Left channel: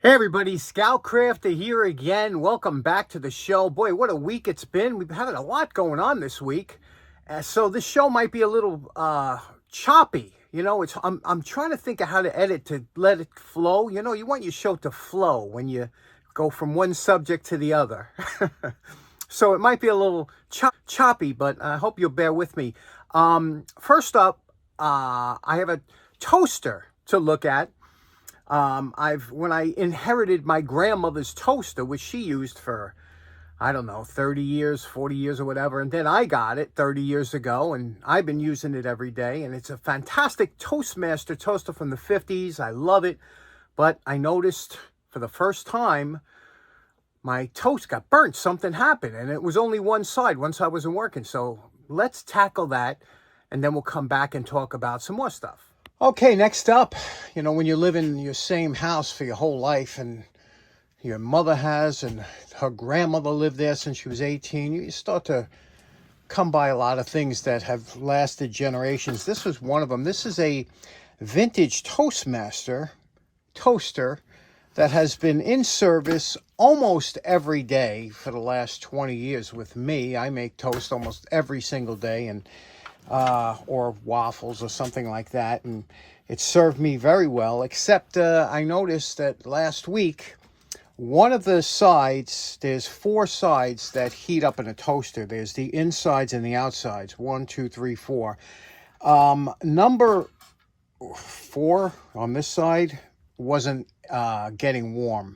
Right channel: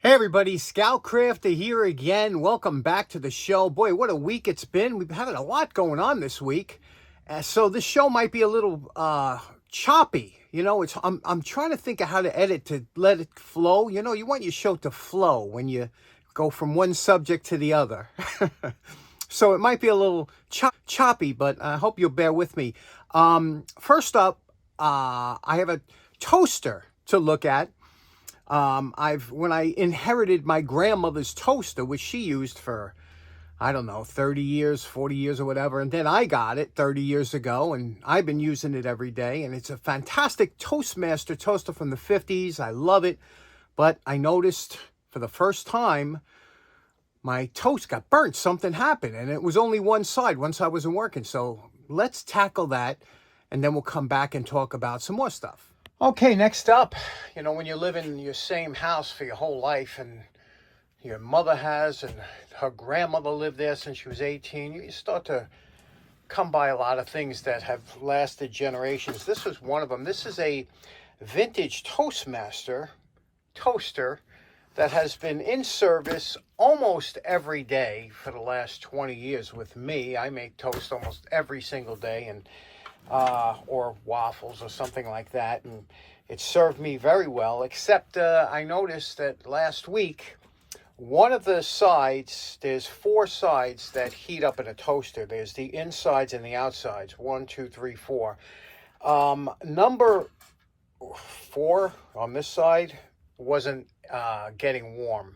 Hey everybody, Scoutcrafter here again. Welcome back to the show. Boy, what a week it's been. We've had a lot going on this week. So this show might be a little choppy. You know, I'm trying to think of how to edit to let it flow. You know, you want your show to flow when you go from one subject to the other. So it might be a little choppy, but I hope you'll bear with me. First up, I have a toaster to look at. When I inherited my grandmother's toaster, which she used for, I don't know, 30 years, 40 years or whatever. And then I got it 30 years ago and I've been using it every day. And it's a fantastic Toastmaster toaster from the 50s. I love it. But I noticed for the first time, my toast got burnt. Something happened and it was only one side once I wasn't working. So let's tackle that. And then we'll come back and talk about some more stuff. Okay, next up, you know, when you live in your same house for your whole life and your mother has and her grandmother lived there since she was 18, you start to come by a lot of things that have lasted generations. This was one of them. This is a vintage Toastmaster toaster that has been in service almost every day for the last 20 years with me. I make toast almost every single day, and or waffles or something like that, and it served me very well, except I noticed that last week one of the sides, there's 4 sides that heat up in a toaster. There's the insides and the outsides, 1, 2, 3, 4. Number 4 on this side wasn't getting warm,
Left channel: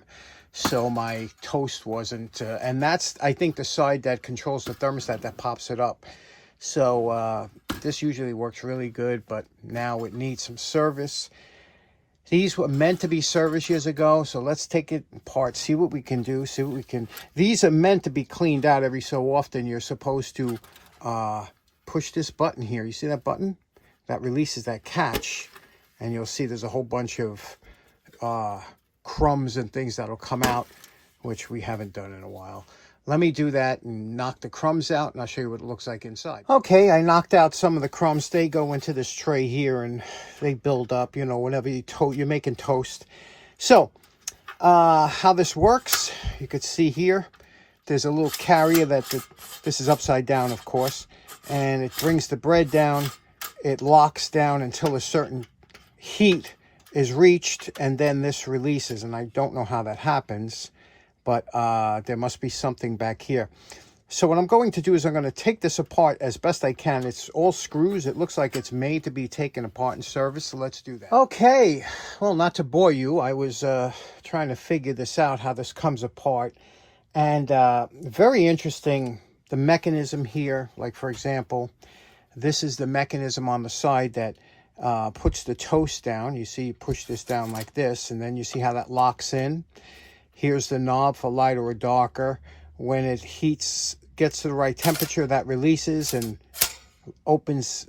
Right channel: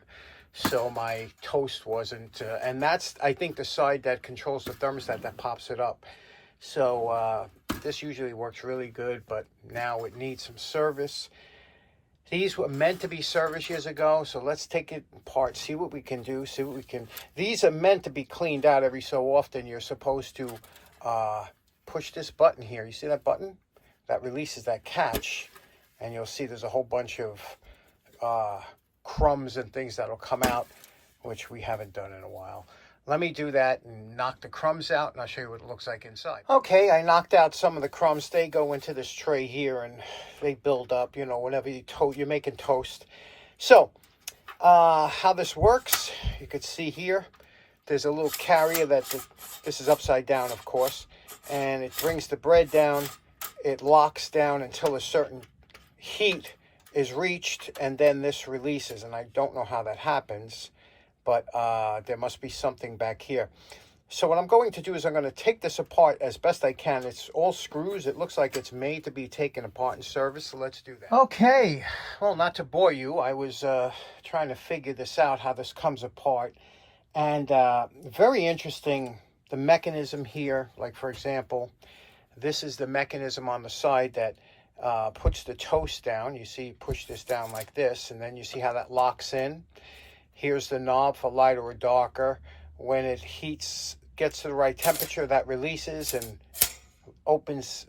so my toast wasn't, and that's, I think, the side that controls the thermostat that pops it up. So this usually works really good, but now it needs some service. These were meant to be serviced years ago, so let's take it apart, see what we can do, see what we can... These are meant to be cleaned out every so often. You're supposed to push this button here. You see that button? That releases that catch, and you'll see there's a whole bunch of crumbs and things that'll come out, which we haven't done in a while. Let me do that and knock the crumbs out, and I'll show you what it looks like inside. Okay, I knocked out some of the crumbs. They go into this tray here, and they build up, you know, whenever you're making toast. So, how this works, you can see here, there's a little carrier this is upside down, of course, and it brings the bread down. It locks down until a certain heat is reached, and then this releases, and I don't know how that happens, but there must be something back here. So what I'm going to do is I'm going to take this apart as best I can. It's all screws. It looks like it's made to be taken apart and serviced, so let's do that. Okay, well, not to bore you, I was trying to figure this out, how this comes apart. And very interesting, the mechanism here. Like, for example, this is the mechanism on the side that puts the toast down. You see, you push this down like this, and then you see how that locks in. Here's the knob for lighter or darker. When it heats, gets to the right temperature, that releases and opens,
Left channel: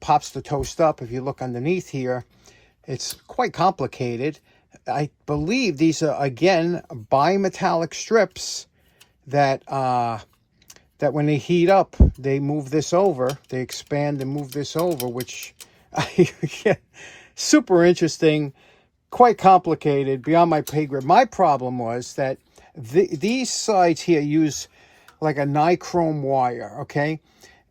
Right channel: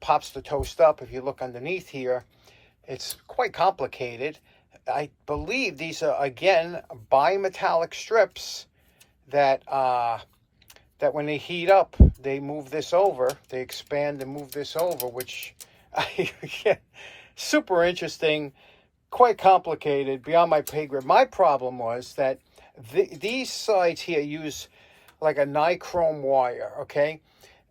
pops the toast up. If you look underneath here, it's quite complicated. I believe these are, again, bimetallic strips that that when they heat up, they move this over. They expand and move this over, which super interesting. Quite complicated, beyond my pay grade. My problem was that these sides here use like a nichrome wire, okay?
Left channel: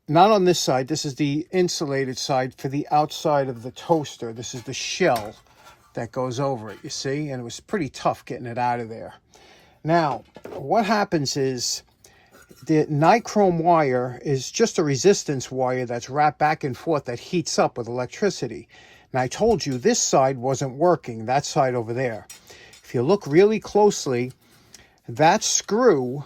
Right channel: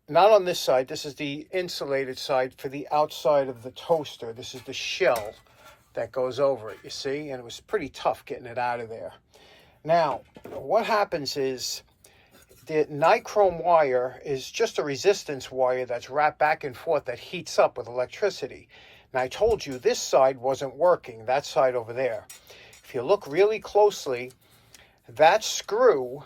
Not on this side. This is the insulated side for the outside of the toaster. This is the shell that goes over it, you see? And it was pretty tough getting it out of there. Now, what happens is the nichrome wire is just a resistance wire that's wrapped back and forth that heats up with electricity. And I told you this side wasn't working, that side over there. If you look really closely, that screw,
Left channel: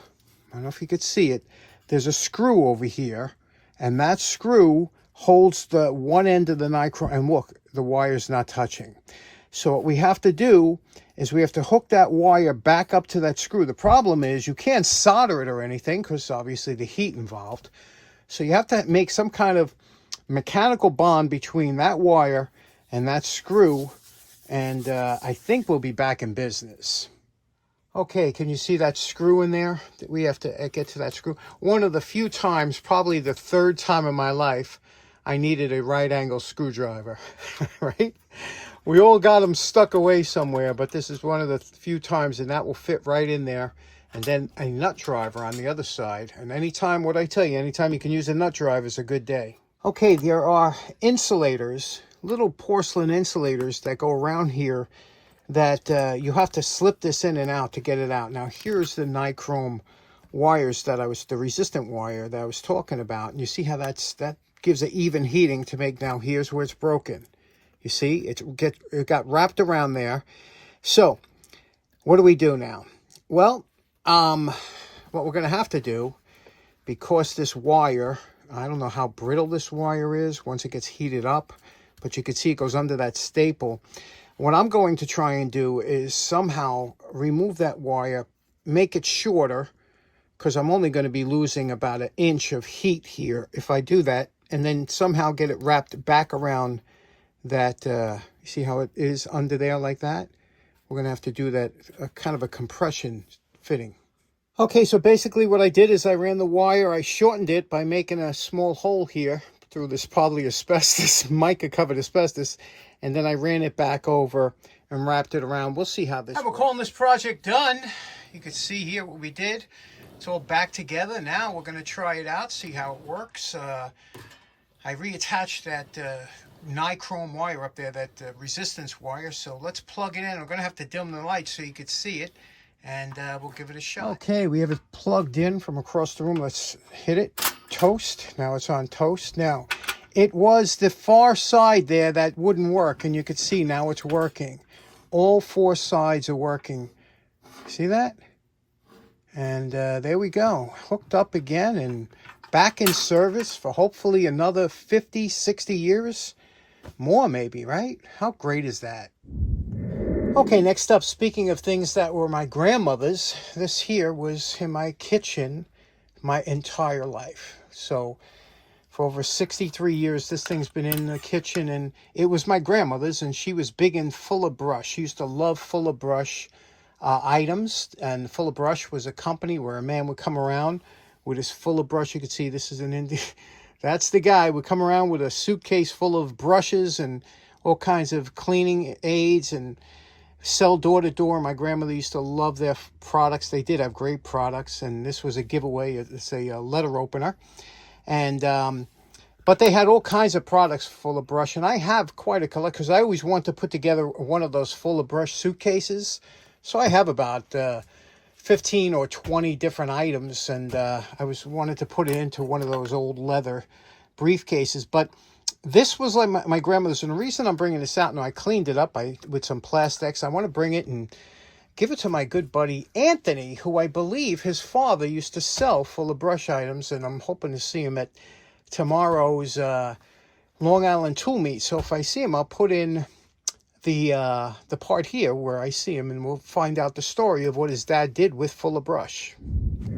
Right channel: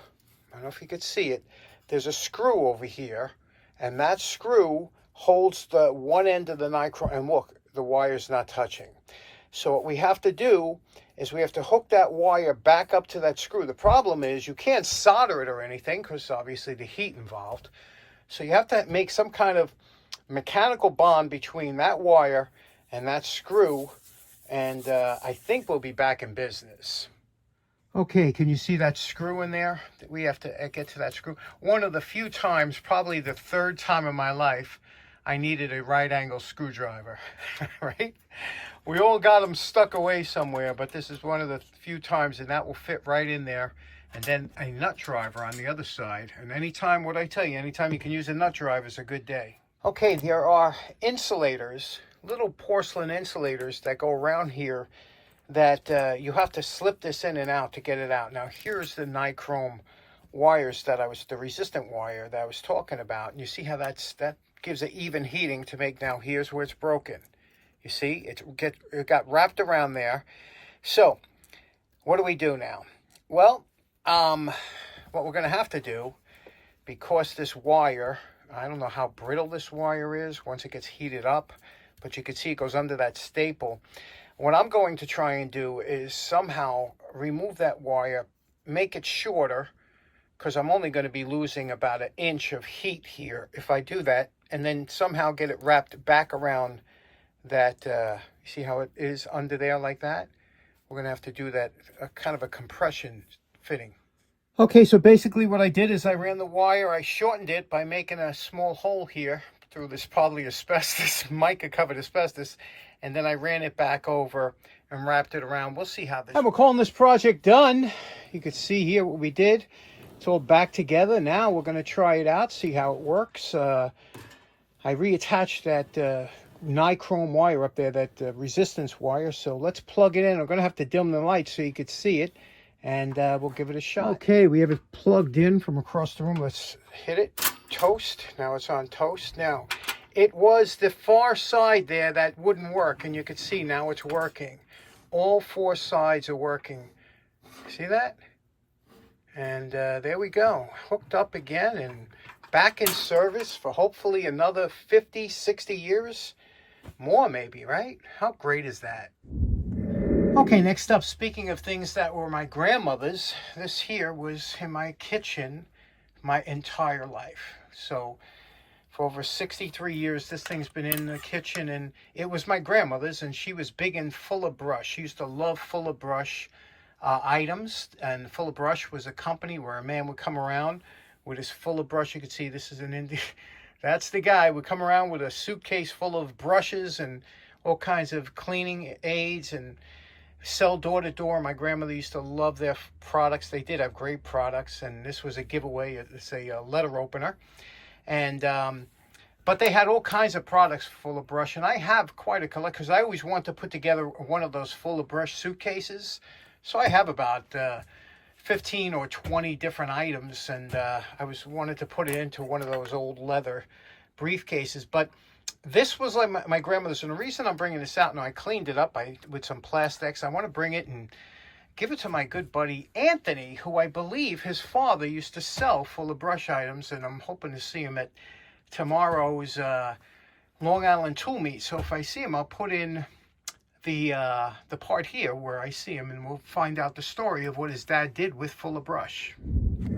I don't know if you could see it, there's a screw over here, and that screw holds the one end of the nichrome, and look, the wire's not touching. So what we have to do is we have to hook that wire back up to that screw. The problem is you can't solder it or anything, because obviously the heat involved. So you have to make some kind of mechanical bond between that wire and that screw, and I think we'll be back in business. Okay, can you see that screw in there? We have to get to that screw. One of the few times, probably the 3rd time in my life, I needed a right angle screwdriver, right? We all got them stuck away somewhere, but this is one of the few times, and that will fit right in there. And then a nut driver on the other side. And anytime, what I tell you, anytime you can use a nut driver is a good day. Okay, there are insulators, little porcelain insulators that go around here that you have to slip this in and out to get it out. Now, here's the nichrome wires the resistant wire that I was talking about. And you see how that gives it even heating to make. Now, here's where it's broken. You see, it got wrapped around there. So, what do we do now? Well, what we're going to have to do, because this wire, I don't know how brittle this wire is once it gets heated up, but you can see it goes under that staple. What I'm going to try and do is somehow remove that wire, make it shorter, because I'm only going to be losing about 1 inch of heat here if I do that, and then somehow get it wrapped back around that, you see how it is under there like that? We're going to have to do that, kind of a compression fitting. Okay, so basically what I did is I ran the wire, I shortened it by making a small hole here through this probably asbestos, mica covered asbestos, and then I ran it back over and wrapped it around. We'll see how this works. We're calling this project done. You can see here what we did. It's all back together. Now we're going to try it out, see how it works. I reattached that nichrome wire up there, that resistance wire. So let's plug it in. I'm going to have to dim the light so you could see it, and we'll give it a shot. Okay, we have it plugged in from across the room. Let's hit it. Toast. Now it's on toast. Now, it was the far side there that wouldn't work, and you can see now it's working. All 4 sides are working. See that? And there we go. Hooked up again and back in service for hopefully another 50, 60 years. More maybe, right? How great is that? Okay, next up, speaking of things that were my grandmother's, this here was in my kitchen my entire life. So for over 63 years, this thing's been in the kitchen, and it was my grandmother's, and she was big in Fuller Brush. She used to love Fuller Brush items, and Fuller Brush was a company where a man would come around with his Fuller Brush. You can see this is an Indian. That's the guy would come around with a suitcase full of brushes and all kinds of cleaning aids and sell door to door. My grandmother used to love their products. They did have great products, and this was a giveaway. It's a letter opener, and but they had all kinds of products Fuller Brush, and I have quite a collection because I always want to put together one of those Fuller Brush suitcases. So I have about 15 or 20 different items, and I wanted to put it into one of those old leather briefcases. But this was like my grandmother's, and the reason I'm bringing this out now, I cleaned it up with some plastics. I want to bring it and give it to my good buddy Anthony, who I believe his father used to sell Fuller Brush items, and I'm hoping to see him at tomorrow's Long Island Tool Meet. So if I see him, I'll put in the part here where I see him, and we'll find out the story of what his dad did with Fuller Brush.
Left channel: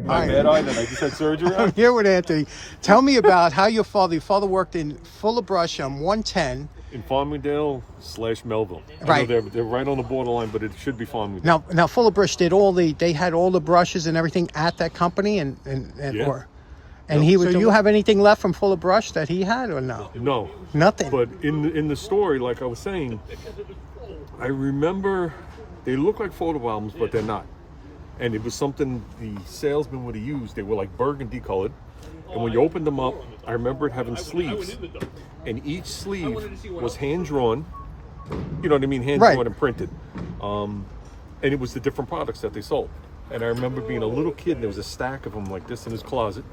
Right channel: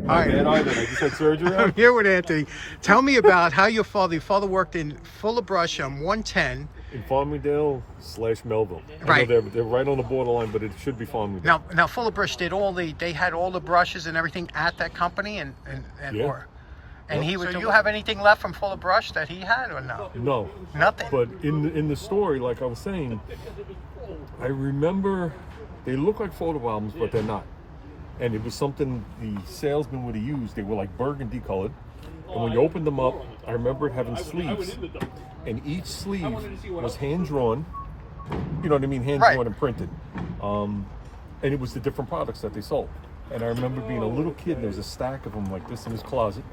Not bad either. I just had surgery. I'm here with Anthony. Tell me about how your father worked in Fuller Brush on 110. In Farmingdale / Melville. Right. I know they're right on the borderline, but it should be Farmingdale. Now Fuller Brush did they had all the brushes and everything at that company, and Yeah. And he would. Do you have anything left from Fuller Brush that he had, or no? No. Nothing. But in the story, like I was saying, I remember they look like photo albums, but they're not. And it was something the salesman would have used. They were like burgundy colored. And when you opened them up, I remember it having sleeves. And each sleeve was hand-drawn. You know what I mean? Hand-drawn Right. and printed. And it was the different products that they sold. And I remember being a little kid, and there was a stack of them like this in his closet.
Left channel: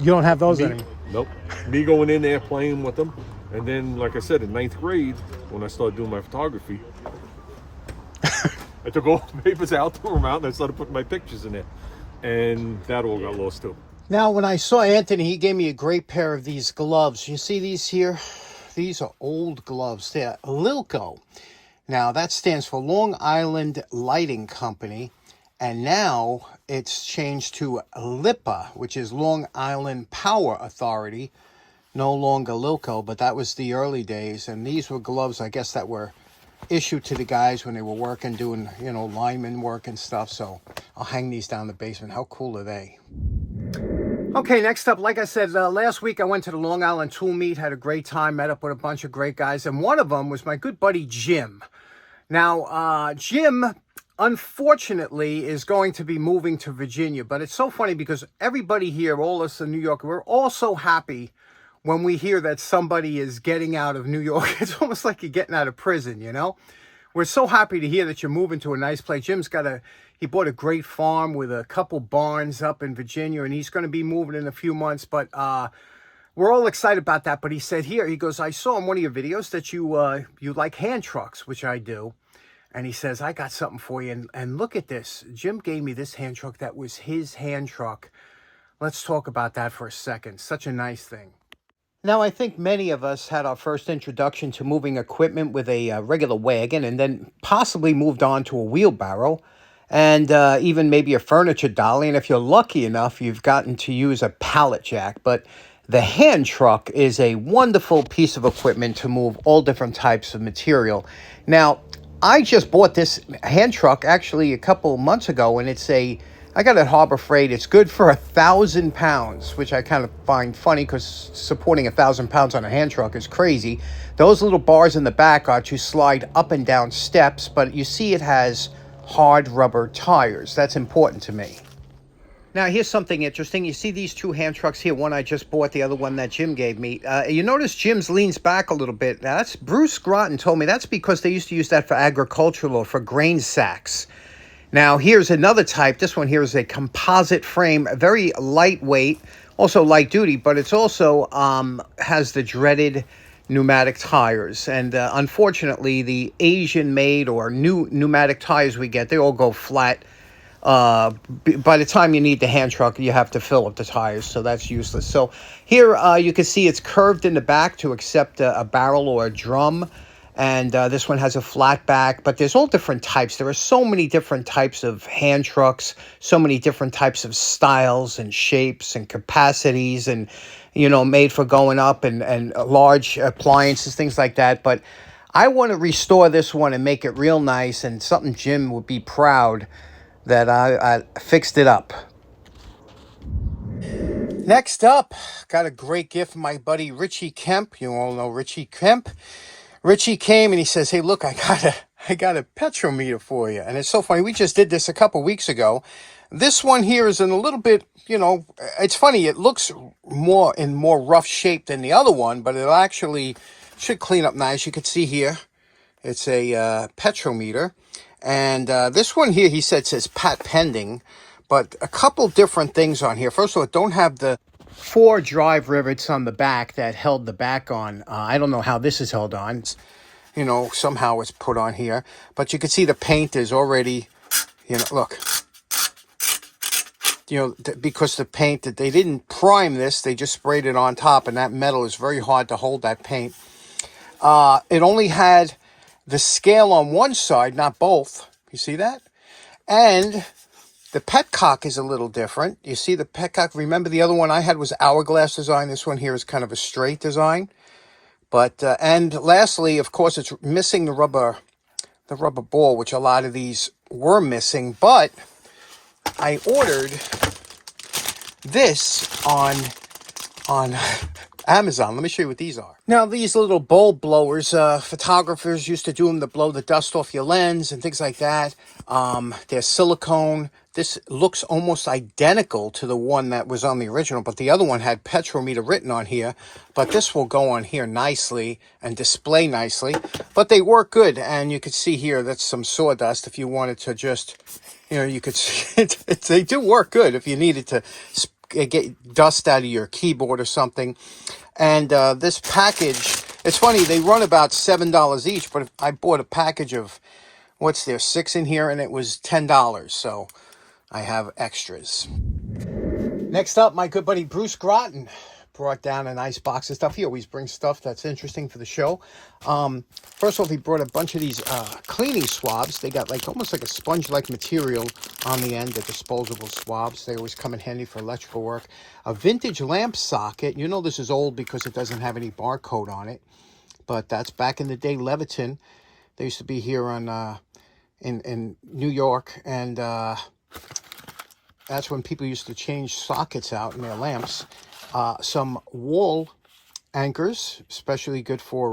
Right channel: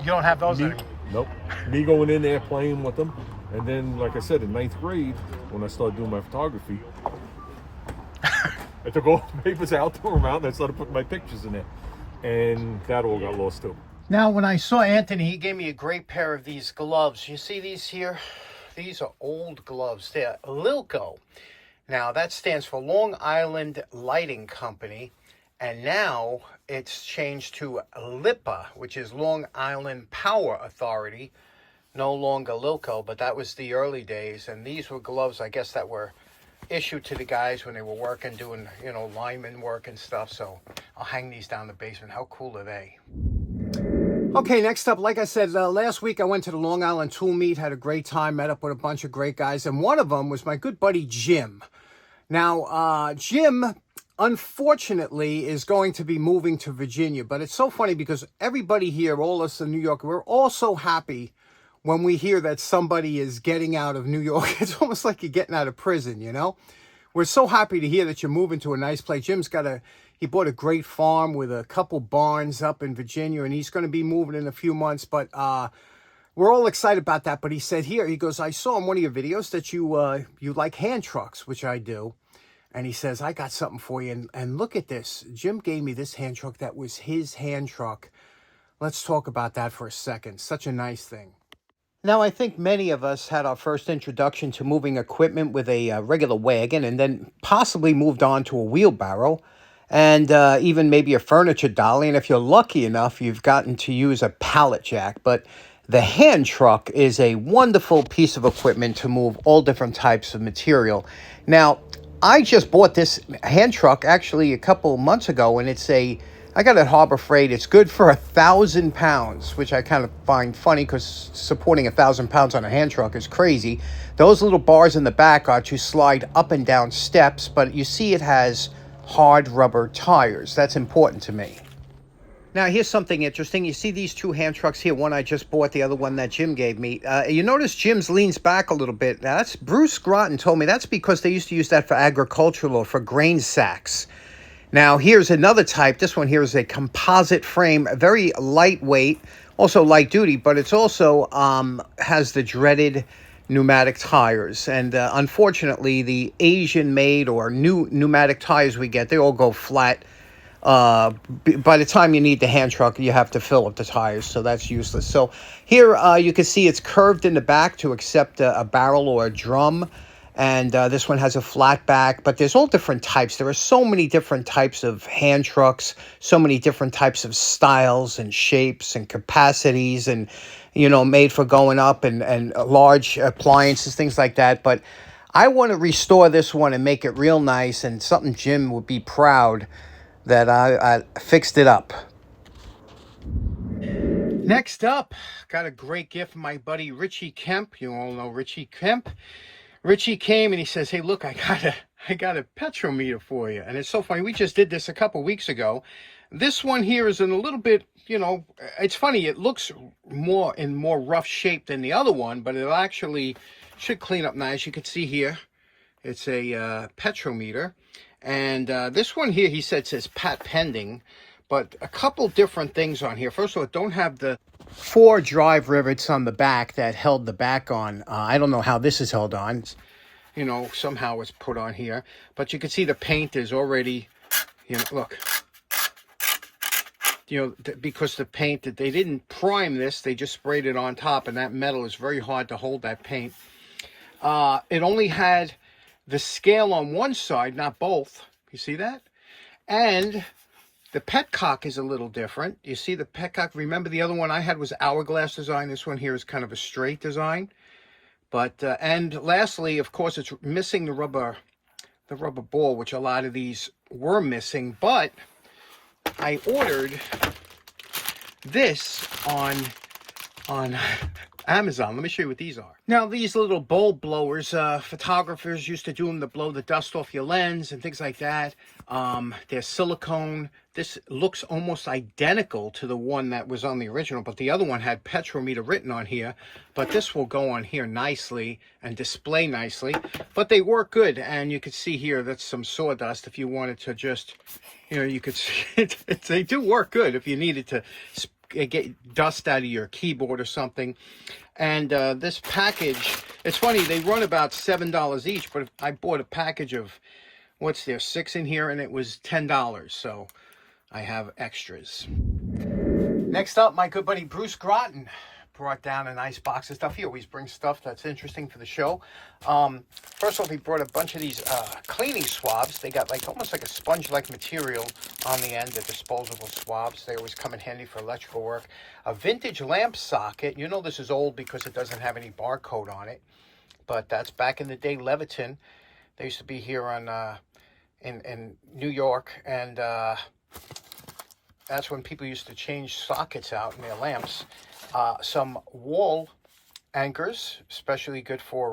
You don't have those anymore? Nope. Me going in there playing with them. And then, like I said, in 9th grade, when I started doing my photography, I took all the papers out, threw them out, and I started putting my pictures in there. And that all got lost too. Now, when I saw Anthony, he gave me a great pair of these gloves. You see these here? These are old gloves. They're Lilco. Now, that stands for Long Island Lighting Company. And now it's changed to LIPA, which is Long Island Power Authority. No longer Lilco, but that was the early days. And these were gloves, I guess, that were issued to the guys when they were working, doing, you know, lineman work and stuff. So I'll hang these down in the basement. How cool are they? Okay, next up, like I said, last week I went to the Long Island Tool Meet, had a great time, met up with a bunch of great guys, and one of them was my good buddy Jim. Now, Jim, unfortunately, is going to be moving to Virginia, but it's so funny because everybody here, all us in New York, we're all so happy when we hear that somebody is getting out of New York. It's almost like you're getting out of prison, you know? We're so happy to hear that you're moving to a nice place. He bought a great farm with a couple barns up in Virginia, and he's going to be moving in a few months, but we're all excited about that. But he said here, he goes, I saw in one of your videos that you like hand trucks, which I do. And he says, I got something for you. And look at this. Jim gave me this hand truck that was his hand truck. Let's talk about that for a second. Such a nice thing. Now, I think many of us had our first introduction to moving equipment with a regular wagon and then possibly moved on to a wheelbarrow and even maybe a furniture dolly. And if you're lucky enough, you've gotten to use a pallet jack. But the hand truck is a wonderful piece of equipment to move all different types of material. Now, I just bought this hand truck actually a couple months ago, and I got it at Harbor Freight. It's good for 1,000 pounds, which I kind of find funny because supporting 1,000 pounds on a hand truck is crazy. Those little bars in the back are to slide up and down steps, but you see it has hard rubber tires. That's important to me. Now, here's something interesting. You see these two hand trucks here. One I just bought, the other one that Jim gave me. You notice Jim's leans back a little bit. Now, that's Bruce Groton told me that's because they used to use that for agricultural or for grain sacks. Now, here's another type. This one here is a composite frame, very lightweight, also light duty, but it's also has the dreaded pneumatic tires. And unfortunately, the Asian-made or new pneumatic tires we get, they all go flat. By the time you need the hand truck, you have to fill up the tires, so that's useless. So here you can see it's curved in the back to accept a barrel or a drum. And this one has a flat back, but there's all different types. There are so many different types of hand trucks, so many different types of styles and shapes and capacities and, made for going up and large appliances, things like that. But I want to restore this one and make it real nice and something Jim would be proud that I fixed it up. Next up, got a great gift from my buddy Richie Kemp. You all know Richie Kemp. Richie came and he says, hey, look, I got a petrometer for you. And it's so funny. We just did this a couple weeks ago. This one here is in a little bit, it's funny. It looks more rough shape than the other one, but it actually should clean up nice. You can see here, it's a petrometer. And this one here, he says pat pending, but a couple different things on here. First of all, it don't have the 4 drive rivets on the back that held the back on. I don't know how this is held on. Somehow it's put on here. But you can see the paint is already, look. Because the paint, that they didn't prime this, they just sprayed it on top, and that metal is very hard to hold that paint. It only had the scale on one side, not both. You see that? And the petcock is a little different. You see the petcock. Remember the other one I had was hourglass design. This one here is kind of a straight design. But and lastly, of course, it's missing the rubber ball, which a lot of these were missing. But I ordered this on Amazon. Let me show you what these are. Now, these little bulb blowers, photographers used to do them to blow the dust off your lens and things like that. They're silicone. This looks almost identical to the one that was on the original, but the other one had petrometer written on here. But this will go on here nicely and display nicely. But they work good, and you can see here that's some sawdust. If you wanted to just, you could see it. They do work good if you needed to get dust out of your keyboard or something. And this package, it's funny, they run about $7 each, but I bought a package of, 6 in here, and it was $10, so I have extras. Next up, my good buddy Bruce Groton brought down a nice box of stuff. He always brings stuff that's interesting for the show. First of all, he brought a bunch of these cleaning swabs. They got almost like a sponge-like material on the end, the disposable swabs. They always come in handy for electrical work. A vintage lamp socket. This is old because it doesn't have any barcode on it. But that's back in the day, Leviton. They used to be here on in New York. And That's when people used to change sockets out in their lamps. Some wall anchors, especially good for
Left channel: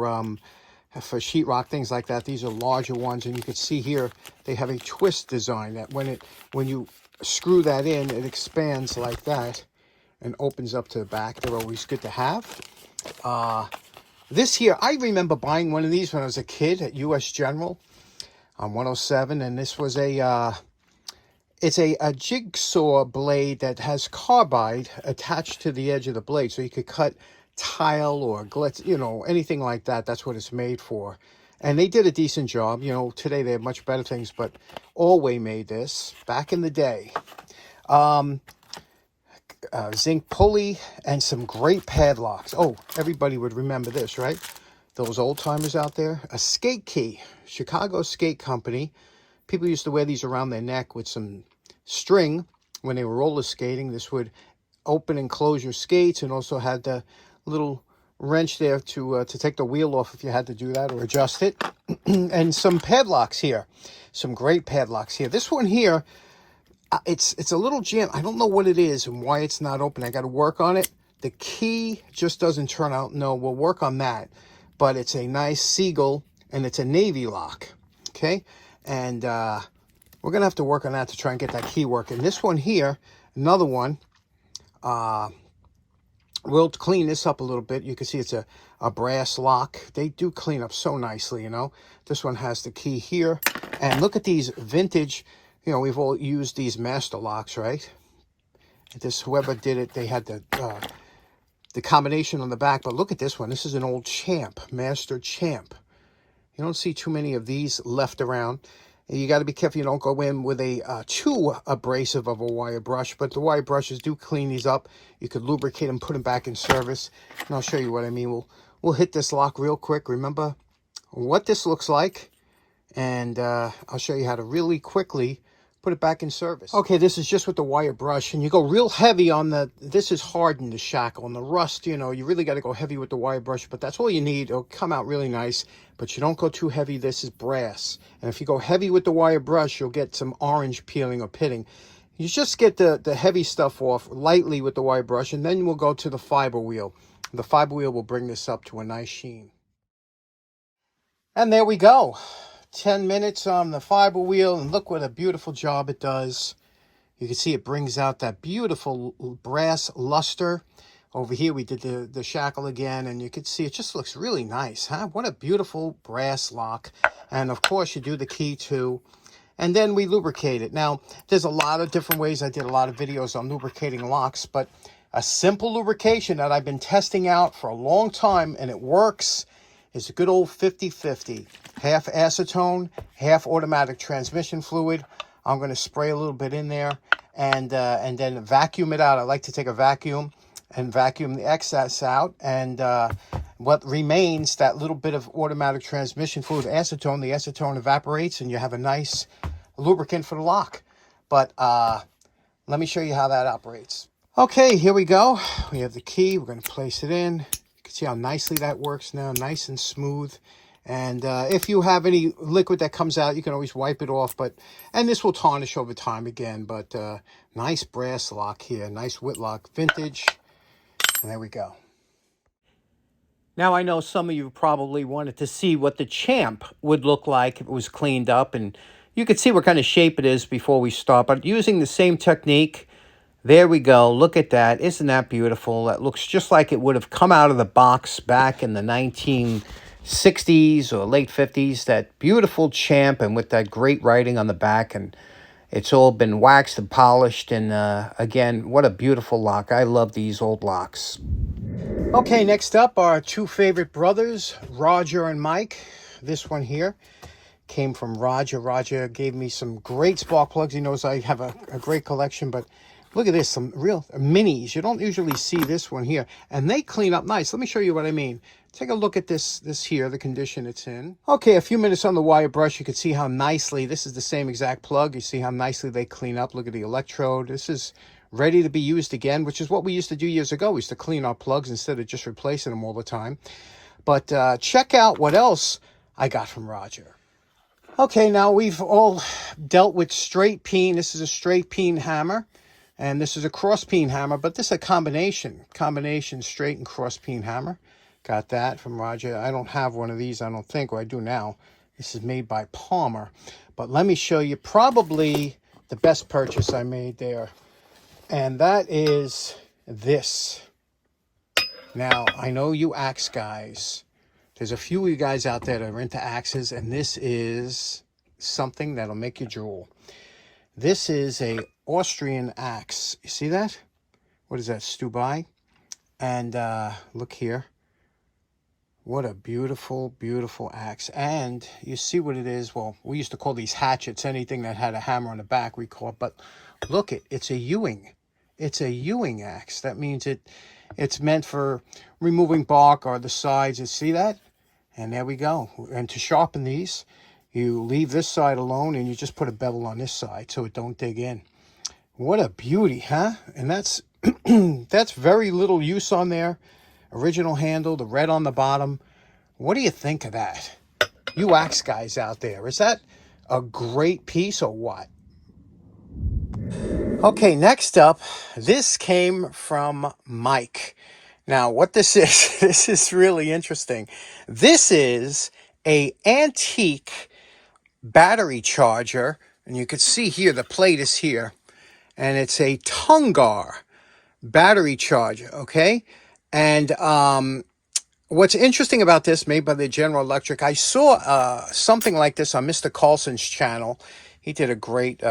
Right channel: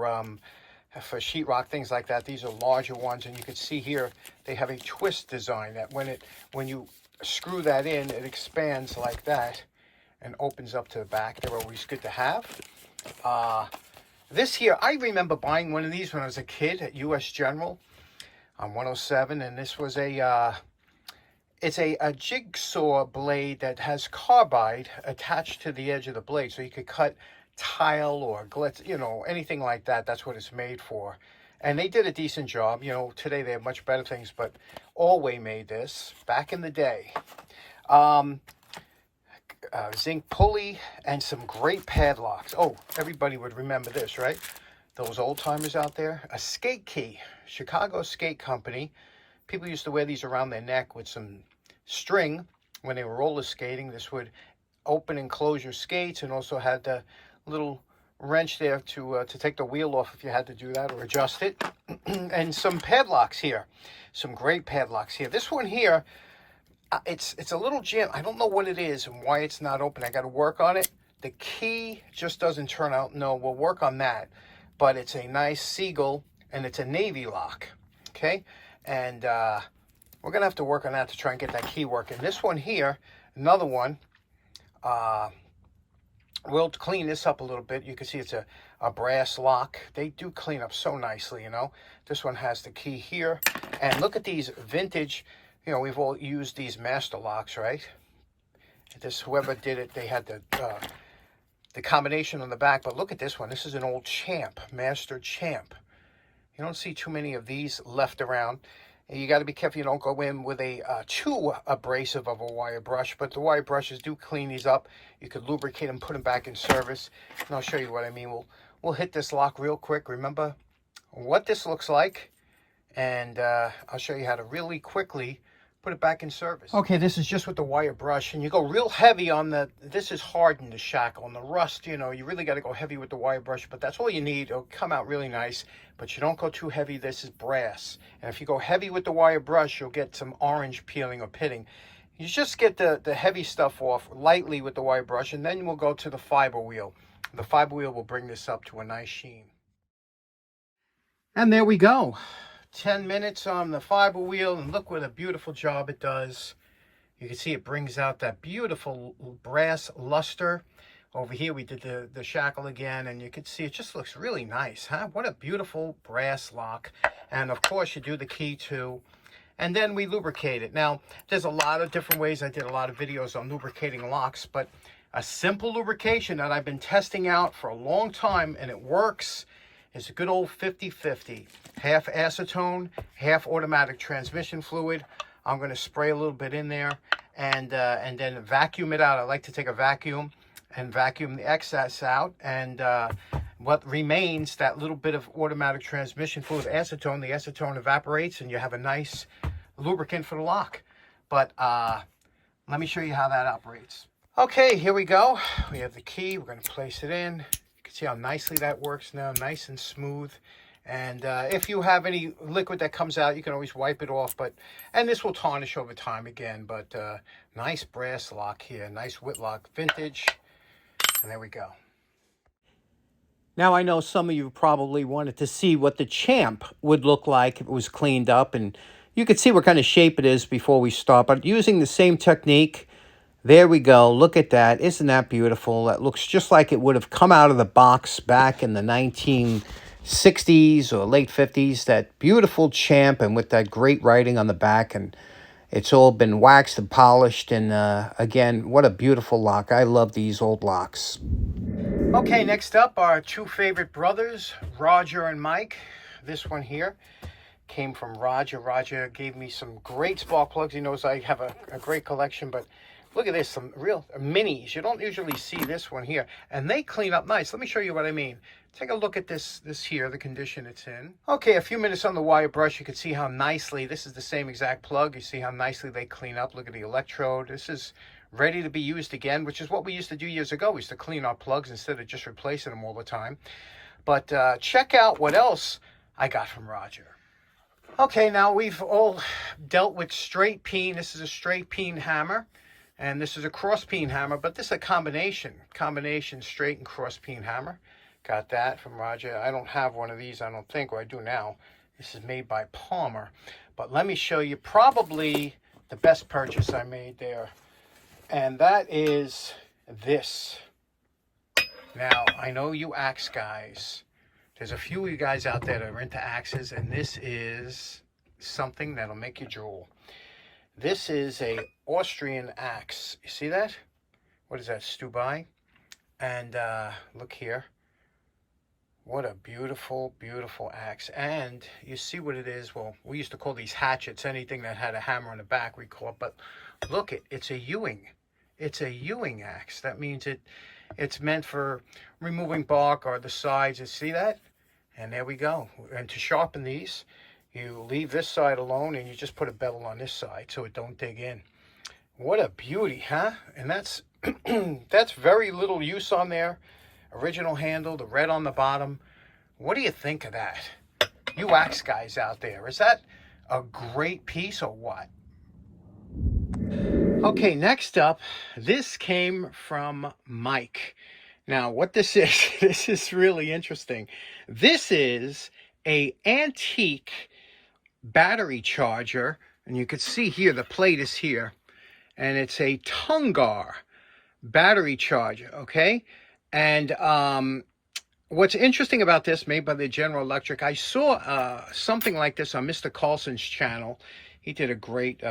sheetrock, things like that. These are larger ones, and you can see here they have a twist design that when you screw that in, it expands like that and opens up to the back. They're always good to have. This here, I remember buying one of these when I was a kid at US General on 107, and this was it's a jigsaw blade that has carbide attached to the edge of the blade, so you could cut tile or glitz, you know, anything like that. That's what it's made for. And they did a decent job. You know, today they have much better things, but Alway made this back in the day. Zinc pulley and some great padlocks. Oh, everybody would remember this, right? Those old timers out there. A skate key, Chicago Skate Company. People used to wear these around their neck with some string when they were roller skating. This would open and close your skates, and also had the little wrench there to take the wheel off if you had to do that or adjust it. And some padlocks here, some great padlocks here. This one here, it's a little jam. I don't know what it is and why it's not open. I got to work on it. The key just doesn't turn out. No, we'll work on that. But it's a nice Seagull, and it's a navy lock. Okay, and we're gonna have to work on that to try and get that key working. This one here, another one. We'll clean this up a little bit. You can see it's a brass lock. They do clean up so nicely, you know. This one has the key here, and look at these vintage. You know, we've all used these master locks, right? This, whoever did it, they had the combination on the back, but look at this one. This is an old Champ, Master Champ. You don't see too many of these left around. You got to be careful you don't go in with a too abrasive of a wire brush, but the wire brushes do clean these up. You could lubricate them, put them back in service, and I'll show you what I mean. We'll hit this lock real quick. Remember what this looks like, and I'll show you how to really quickly put it back in service. Okay, this is just with the wire brush, and you go real heavy on this is hardened, the shackle, and the rust, you know, you really got to go heavy with the wire brush, but that's all you need. It'll come out really nice, but you don't go too heavy. This is brass, and if you go heavy with the wire brush, you'll get some orange peeling or pitting. You just get the heavy stuff off lightly with the wire brush, and then we'll go to the fiber wheel. The fiber wheel will bring this up to a nice sheen. And there we go. 10 minutes on the fiber wheel, and look what a beautiful job it does. You can see it brings out that beautiful brass luster. Over here we did the shackle again, and you can see it just looks really nice, huh? What a beautiful brass lock. And of course you do the key too, and then we lubricate it. Now there's a lot of different ways. I did a lot of videos on lubricating locks, but a simple lubrication that I've been testing out for a long time, and it works, is a good old 50-50. Half acetone, half automatic transmission fluid. I'm going to spray a little bit in there, and then vacuum it out. I like to take a vacuum and vacuum the excess out, and what remains, that little bit of automatic transmission fluid, acetone, the acetone evaporates, and you have a nice lubricant for the lock. But let me show you how that operates. Okay, here we go. We have the key. We're going to place it in. See how nicely that works now, nice and smooth. And if you have any liquid that comes out, you can always wipe it off. And this will tarnish over time again. But nice brass lock here, nice Whitlock vintage. And there we go. Now I know some of you probably wanted to see what the Champ would look like if it was cleaned up, and you could see what kind of shape it is before we start. But using the same technique. There we go. Look at that. Isn't that beautiful? That looks just like it would have come out of the box back in the 1960s or late 50s. That beautiful Champ, and with that great writing on the back. And it's all been waxed and polished. And again, what a beautiful lock. I love these old locks. Okay, next up, our two favorite brothers, Roger and Mike. This one here came from Roger. Roger gave me some great spark plugs. He knows I have a great collection, but look at this, some real minis. You don't usually see this one here. And they clean up nice. Let me show you what I mean. Take a look at this here, the condition it's in. Okay, a few minutes on the wire brush. You can see how nicely, this is the same exact plug. You see how nicely they clean up. Look at the electrode. This is ready to be used again, which is what we used to do years ago. We used to clean our plugs instead of just replacing them all the time. But check out what else I got from Roger. Okay, now we've all dealt with straight peen. This is a straight peen hammer. And this is a cross peen hammer, but this is a combination straight and cross peen hammer. Got that from Roger. I don't have one of these, I don't think, or I do now. This is made by Palmer. But let me show you probably the best purchase I made there. And that is this. Now, I know you axe guys. There's a few of you guys out there that are into axes, and this is something that'll make you drool. This is a Austrian axe. You see that? What is that, Stubai? And look here. What a beautiful, beautiful axe. And you see what it is. Well, we used to call these hatchets. Anything that had a hammer on the back, we call it. But look, it's a Ewing. It's a Ewing axe. That means it's meant for removing bark or the sides. You see that? And there we go. And to sharpen these, you leave this side alone and you just put a bevel on this side so it don't dig in. What a beauty, huh? And that's that's very little use on there. Original handle, the red on the bottom. What do you think of that? You axe guys out there, is that a great piece or what? Okay, next up, this came from Mike. Now, what this is, this is really interesting. This is a antique battery charger, and you can see here, the plate is here, and it's a Tungar battery charger, okay? And what's interesting about this, made by the General Electric, I saw something like this on Mr. Carlson's channel. He did a great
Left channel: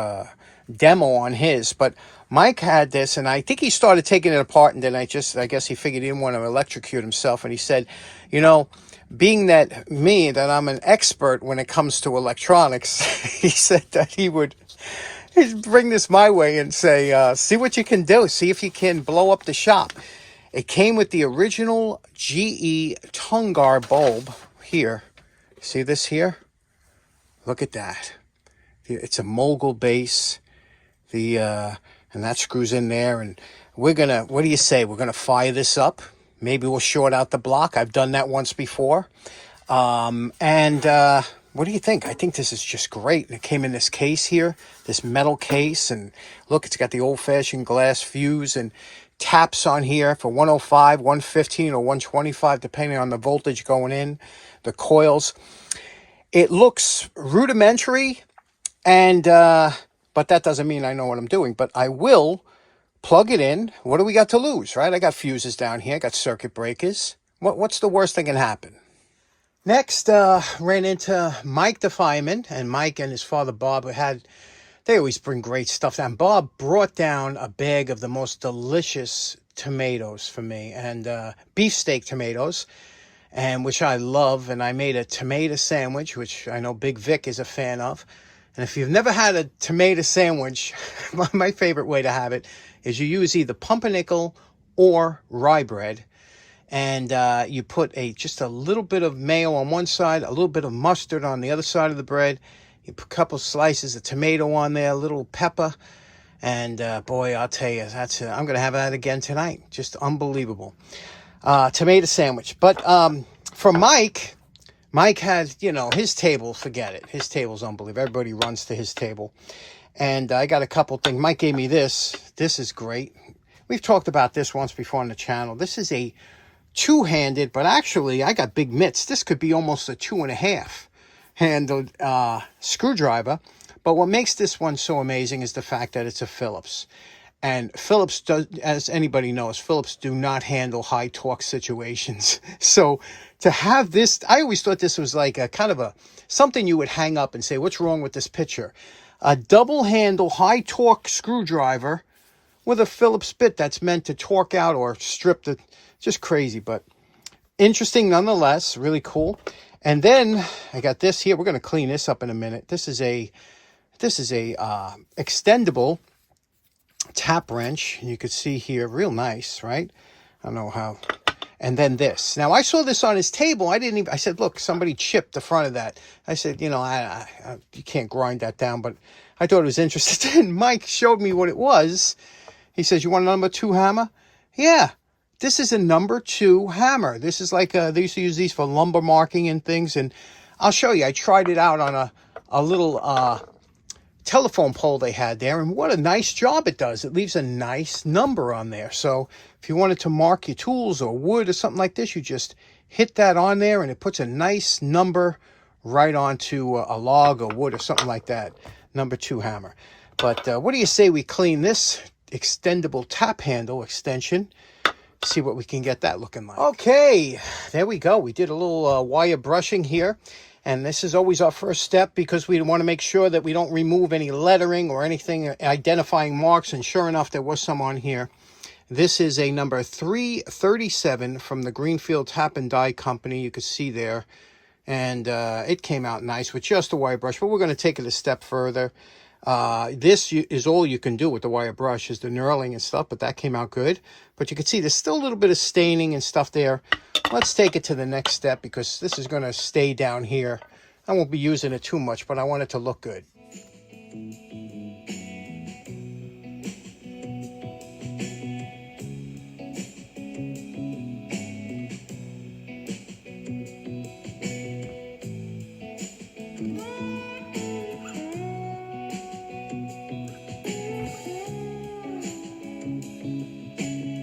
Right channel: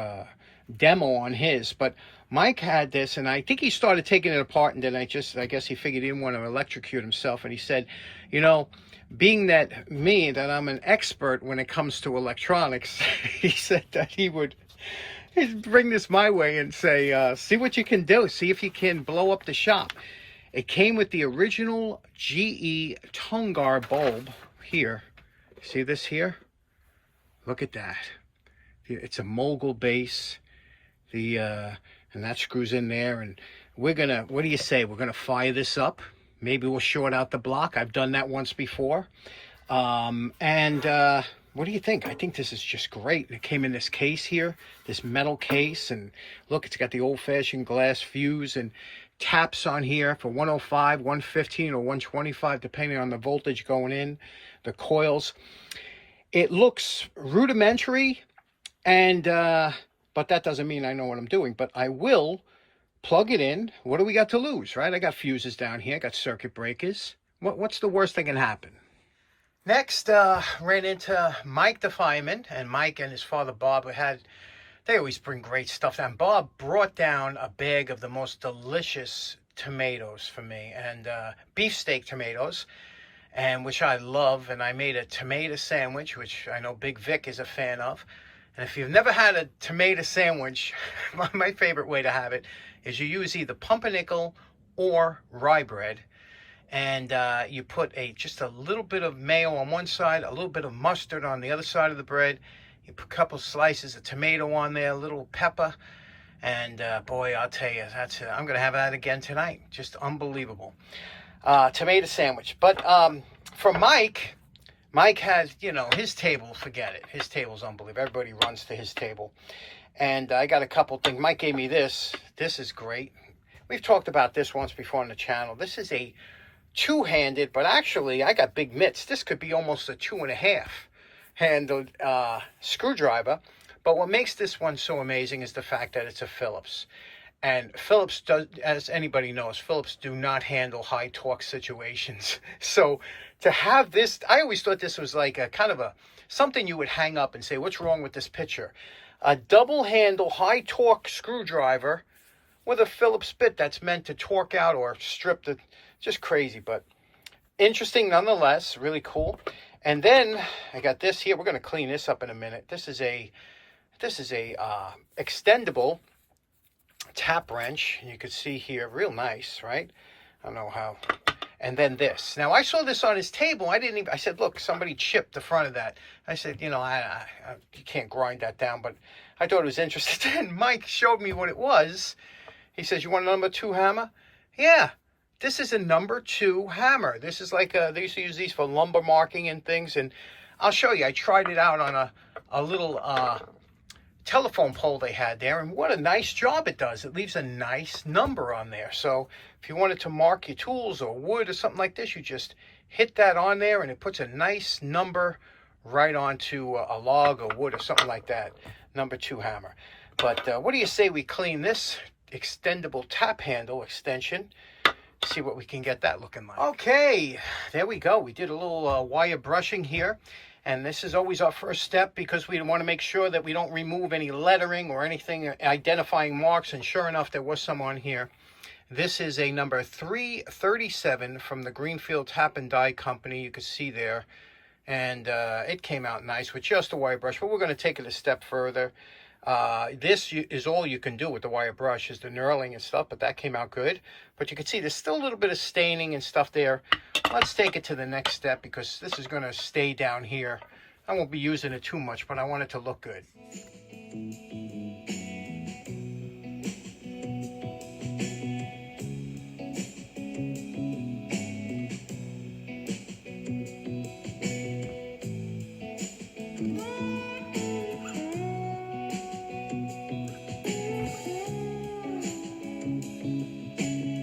demo on his, but Mike had this, and I think he started taking it apart, and then I guess he figured he didn't want to electrocute himself, and he said, you know, being that I'm an expert when it comes to electronics, he said that he'd bring this my way and say, see what you can do, see if you can blow up the shop. It came with the original GE Tungar bulb here. See this here? Look at that. It's a mogul base. And that screws in there. And we're going to, what do you say? We're going to fire this up. Maybe we'll short out the block. I've done that once before. What do you think? I think this is just great. And it came in this case here, this metal case. And look, it's got the old-fashioned glass fuse and taps on here for 105, 115, or 125, depending on the voltage going in, the coils. It looks rudimentary, and but that doesn't mean I know what I'm doing. But I will plug it in. What do we got to lose, right? I got fuses down here. I got circuit breakers. What's the worst that can happen? Next, ran into Mike the fireman, and Mike and his father Bob they always bring great stuff down. Bob brought down a bag of the most delicious tomatoes for me, and beefsteak tomatoes, and which I love. And I made a tomato sandwich, which I know Big Vic is a fan of. And if you've never had a tomato sandwich, my favorite way to have it is you use either pumpernickel or rye bread, and you put just a little bit of mayo on one side, a little bit of mustard on the other side of the bread. You put a couple slices of tomato on there, a little pepper, and boy, I'll tell you, I'm going to have that again tonight. Just unbelievable. Tomato sandwich. But for Mike has, his table, forget it. His table's unbelievable. Everybody runs to his table. And I got a couple things. Mike gave me this. This is great. We've talked about this once before on the channel. This is a two-handed, but actually I got big mitts. This could be almost a 2.5 handled screwdriver. But what makes this one so amazing is the fact that it's a Phillips. And Phillips, as anybody knows, Phillips do not handle high torque situations. So to have this, I always thought this was like a kind of something you would hang up and say, what's wrong with this picture? A double handle high torque screwdriver with a Phillips bit that's meant to torque out or strip the, just crazy, but interesting nonetheless, really cool. And then I got this here. We're going to clean this up in a minute. This is a extendable tap wrench. You could see here, real nice, right? I don't know how. And then this. Now, I saw this on his table. I said, look, somebody chipped the front of that. I said, you can't grind that down, but I thought it was interesting. And Mike showed me what it was. He says, you want a number 2 hammer? Yeah. This is a number 2 hammer. This is like, they used to use these for lumber marking and things. And I'll show you. I tried it out on a little telephone pole they had there, and what a nice job it does. It leaves a nice number on there. So if you wanted to mark your tools or wood or something like this, you just hit that on there and it puts a nice number right onto a log or wood or something like that. Number 2 hammer. But what do you say we clean this extendable tap handle extension? See what we can get that looking like. Okay, there we go. We did a little wire brushing here, and this is always our first step because we want to make sure that we don't remove any lettering or anything identifying marks, and sure enough there was some on here. This is a number 337 from the Greenfield Tap and Die Company. You can see there, and it came out nice with just a wire brush, but we're going to take it a step further. This is all you can do with the wire brush, is the knurling and stuff, but that came out good. But you can see there's still a little bit of staining and stuff there. Let's take it to the next step because this is going to stay down here. I won't be using it too much, but I want it to look good.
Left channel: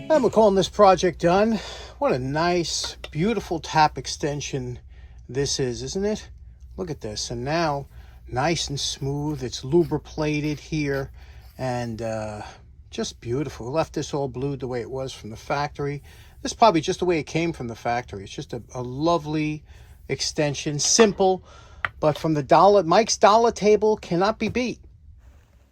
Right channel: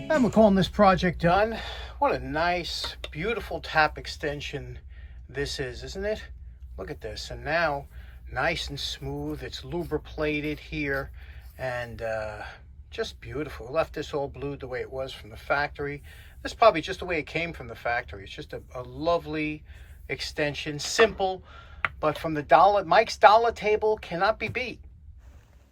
And we're calling this project done. What a nice, beautiful tap extension this is, isn't it? Look at this. And now, nice and smooth. It's lubricated here, and just beautiful. We left this all blued the way it was from the factory. This is probably just the way it came from the factory. It's just a lovely extension, simple, but from the Mike's dollar table, cannot be beat.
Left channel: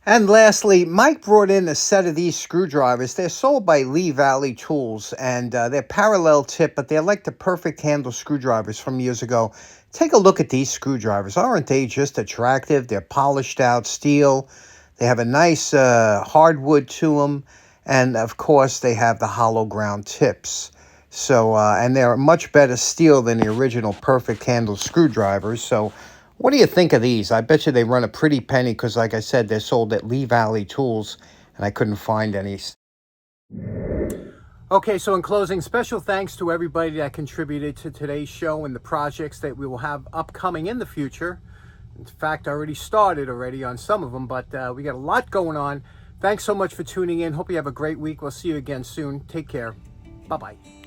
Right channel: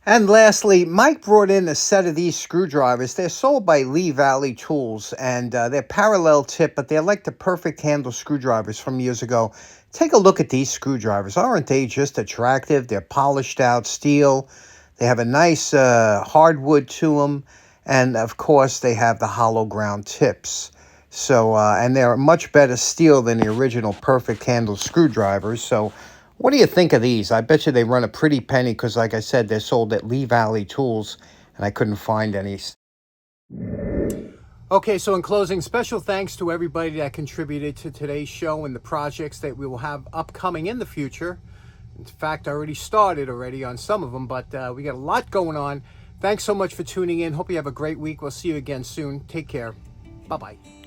And lastly, Mike brought in a set of these screwdrivers. They're sold by Lee Valley Tools, and they're parallel tip, but they're like the perfect handle screwdrivers from years ago. Take a look at these screwdrivers. Aren't they just attractive? They're polished out steel. They have a nice hardwood to them, and of course they have the hollow ground tips. So, and they're much better steel than the original perfect handle screwdrivers. So, what do you think of these? I bet you they run a pretty penny because, like I said, they're sold at Lee Valley Tools, and I couldn't find any. Okay, so in closing, special thanks to everybody that contributed to today's show and the projects that we will have upcoming in the future. In fact, I already started on some of them, but we got a lot going on. Thanks so much for tuning in. Hope you have a great week. We'll see you again soon. Take care. Bye-bye.